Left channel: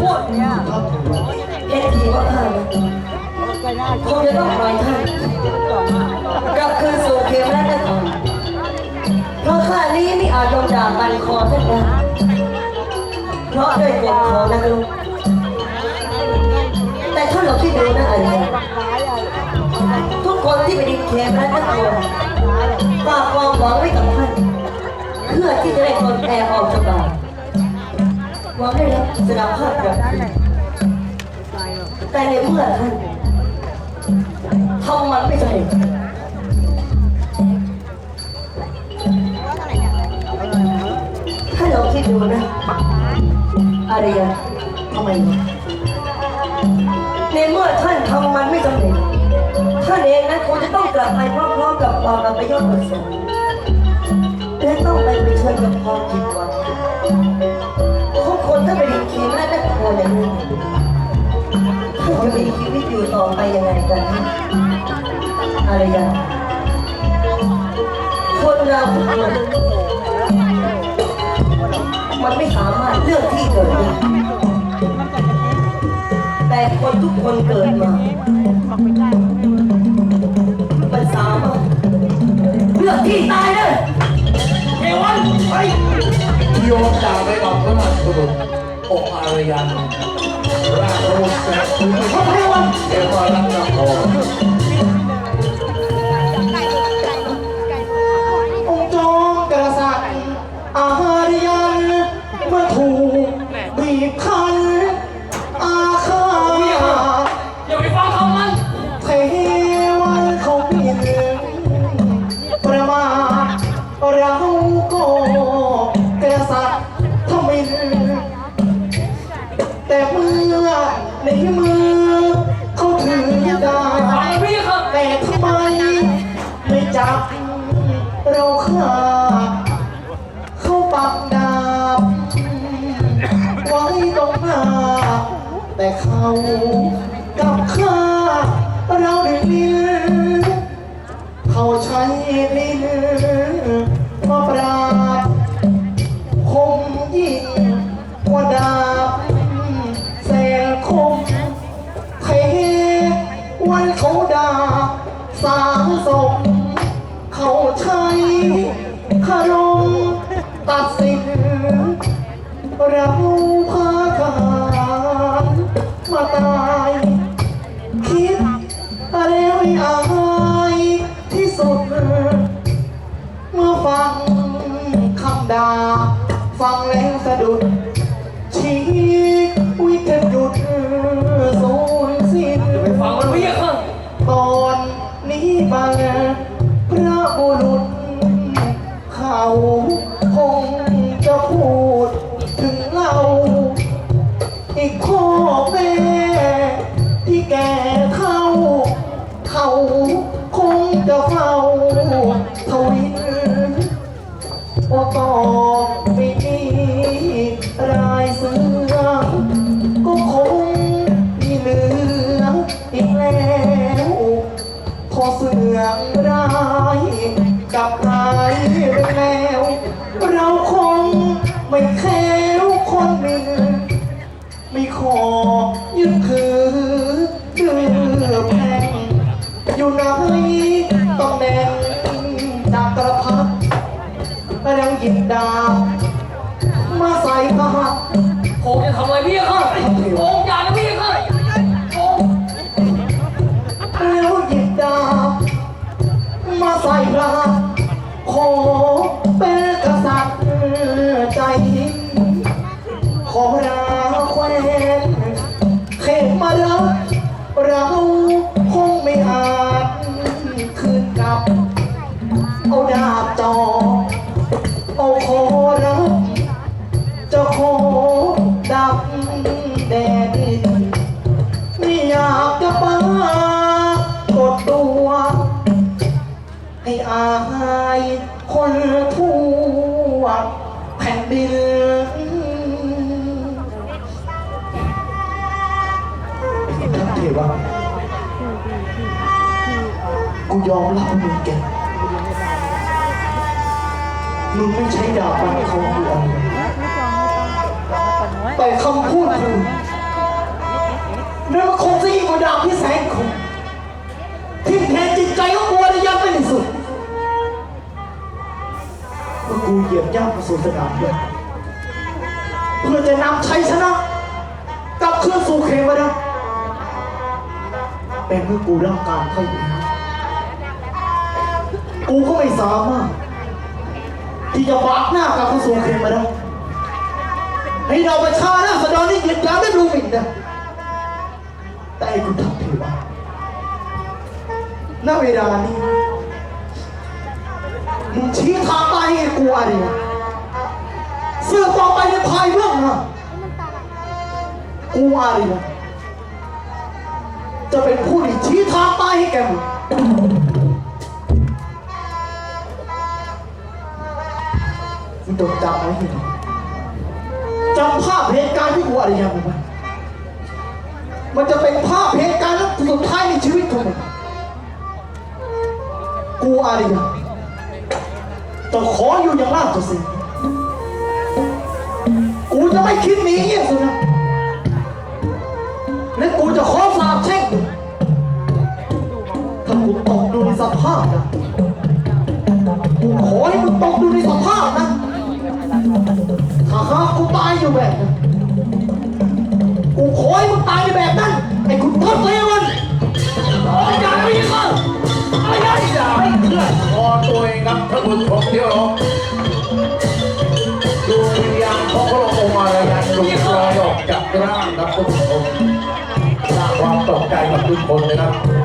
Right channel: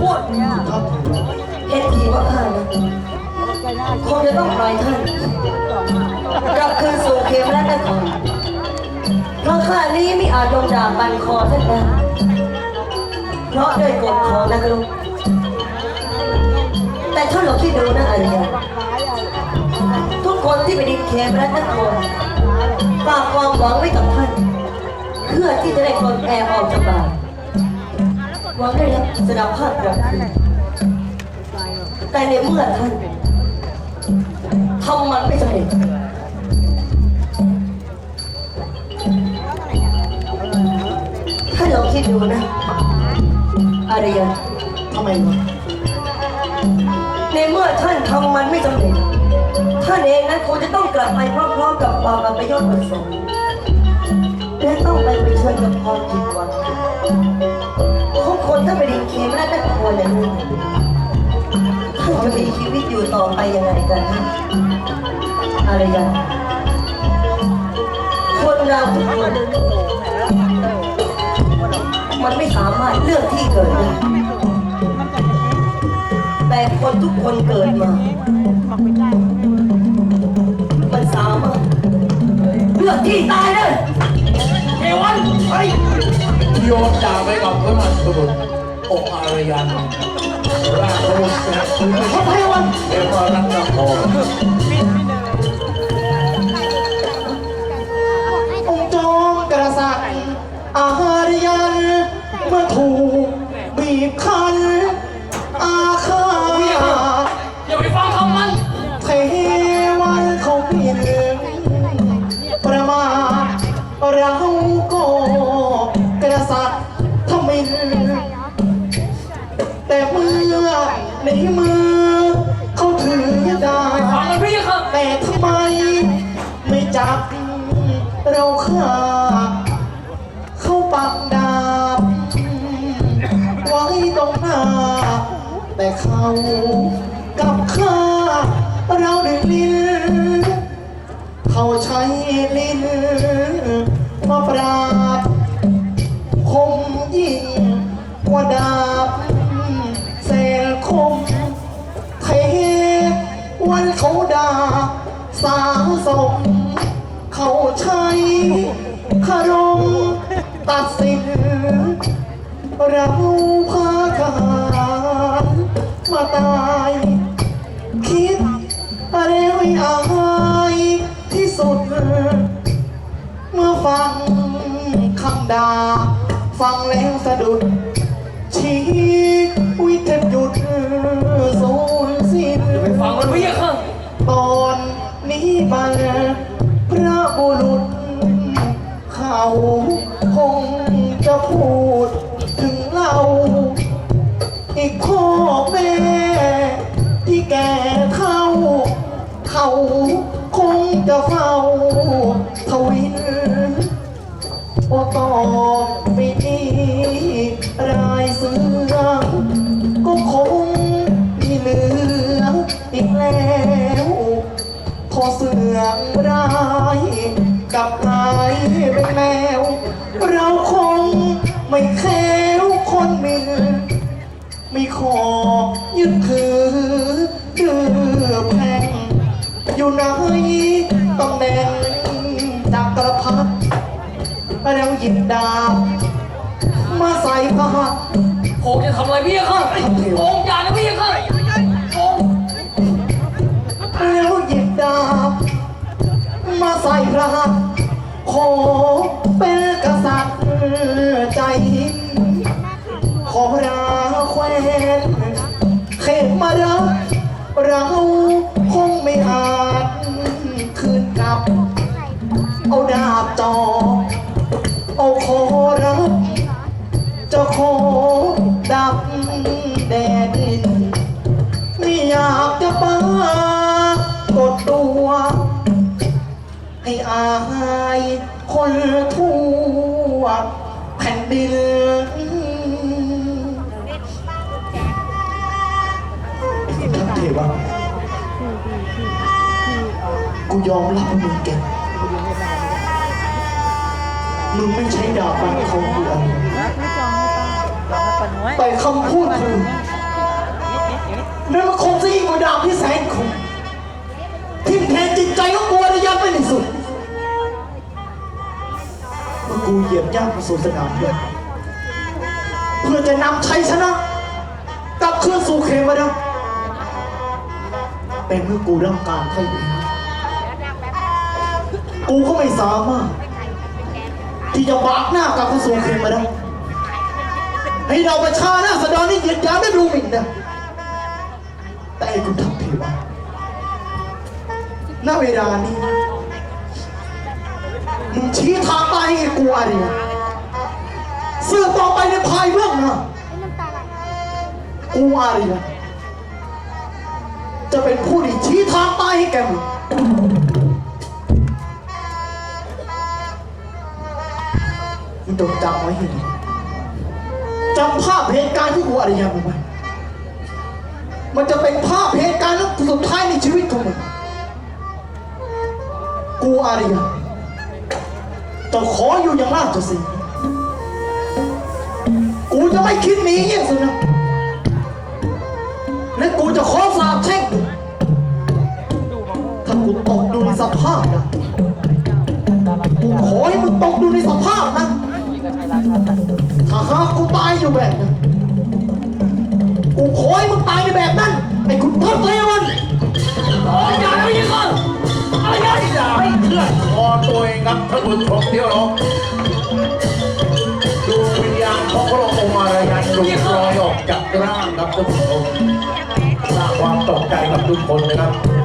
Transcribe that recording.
พูดครับเทวะเห็นทีว่าข้านะคงจะต้องปล่อยท่านกลับคืนสู่เขมและนครเพราะข้านี้ไม่อาจลงดาบบันคอท่านได้เพราะด้วยกฎของนักลุกแต่ท่านลองคิดดูนะอะไรทุกคนที่ไปดินเขมและนครฝากความหวังไว้กับท่าน เพื่อที่จะได้ปลดแอบออกจากบ้าน วังได้รับสนามภาพกลับคืนแต่ในเมื่อท่านทำมันไม่สำเร็จท่านลองคิดดูนะ อารยาทำไมวะในเมื่อท่านทำมันไม่สำเร็จท่านเองนั้นคงจะต้องกลับไปพร้อมๆกับความอัปยศอดสงและต้องไปเชิญกับความผิดหวังของ คนถ้าไปดินเค็มและได้พออย่างนี้ท่านจะมีชีวิตอยู่ต่อไปยังไงกันนะอารยาคนเราทุกคนมันไม่สามารถเลือกที่เกิดได้แต่คนทุกคนเกิดมา มันสามารถเลือกที่ตายได้เอวันไป โยมจากไปกับพระราชบุตรองค์อารยันราชบุตรแสนคุณพระพายวันเอวารัตนพรองค์จอมกษัตริย์อารยันเมื่อถูกบีบคั้นอาฆาตอย่าไปฟังคำมันเทวันเขาเปลี่ยนประมาทเรา แต่เมื่อในมือเขาถือดาบพี่ครับแต่ทำไม ไม่จับเราฆ่าเขาปักดาบไว้ตรงหน้า แต่เขากลับฆ่าเราด้วยลิ้นเขาใช้ลิ้น เขาด่าสาวศพเขาใช้คารมตัดสินเรา จะพูดถึงเราอีกพ่อแม่ ที่แก่เท่าเขาคงจะเฝ้าทวินโอต่อไปนี้รายเสือก็คงมีเหลืออีกแล้ว พอเสืองร้า ไม่แค้วคนหนึ่งไม่ขอยึดถือเดือแพงอยู่ไหนตำแหน่งจักรพรรดิแล้วหยิบดาบมาใส่ผ้าโงจะทำอะไรพี่ครับโงอ เอาดาบจอเอาคอรับจะขอดับแดดดินไม่อยากจะปากดตัว ให้อายคนทั่วแผ่นดินท่าเทวะกูยอมรับมึงเก่ง มึงไม่ใช้ดาบฟันเขากูอะไรแต่คำพูดของมึงนั่นมันคงจะยิ่งกว่าดาบที่แสนคมทิ่มแทงจิตใจของกูอารยันไปในสุดเมื่อกูเหยียบย่ำมาสู่สนามเลือดเพื่อจะนำชัยชนะกลับคืนสู่เขมรดาแต่เมื่อกูร่างการเข้าไปแล้วกูก็ไม่สามารถ ที่จะบากหน้ากลับเข้าสู่เขมรดาให้เราประชาหน้าสดรนี่เหยียดยามได้ดูหมิ่นนะแต่ไอ้คุณทัพเทวาณเวลานี้มึงชี้ทางตายให้กูอะไรเสื่อต่อไปในภายเรื่องนะกูอะไรนะจะเป็นผู้ที่ชี้ทางตายให้แกมึง จดจำไว้ให้ดีจำภาพเหตุการณ์ที่กูอะไรยังมึงไว้มันจะเป็นภาพเหตุการณ์สุดท้ายในชีวิตของมึงกูอาริยาจะขออยู่อย่างราชสีห์กูจะไม่คิดหนีเงี้ยสินะและกูจะขอสาบแช่งถ้ากูตกดูในสภาพนะกูขอให้มึงตกดูในสภาพนะ ถ้าหากกูตายอยู่แบบนั้นกูขอให้มึงตายในแบบนั้นไอ้คุณทศเลวันอย่าไม่ยิงเลยอะไรอย่าให้เพื่อนคอตัวเองครับท่านผู้ชมที่เราดูวิญญาณของพระองค์อารยันหลุดลอยออกจากร่างครับท่านผู้ชมสร้างความตกใจกับทุกคนนะครับ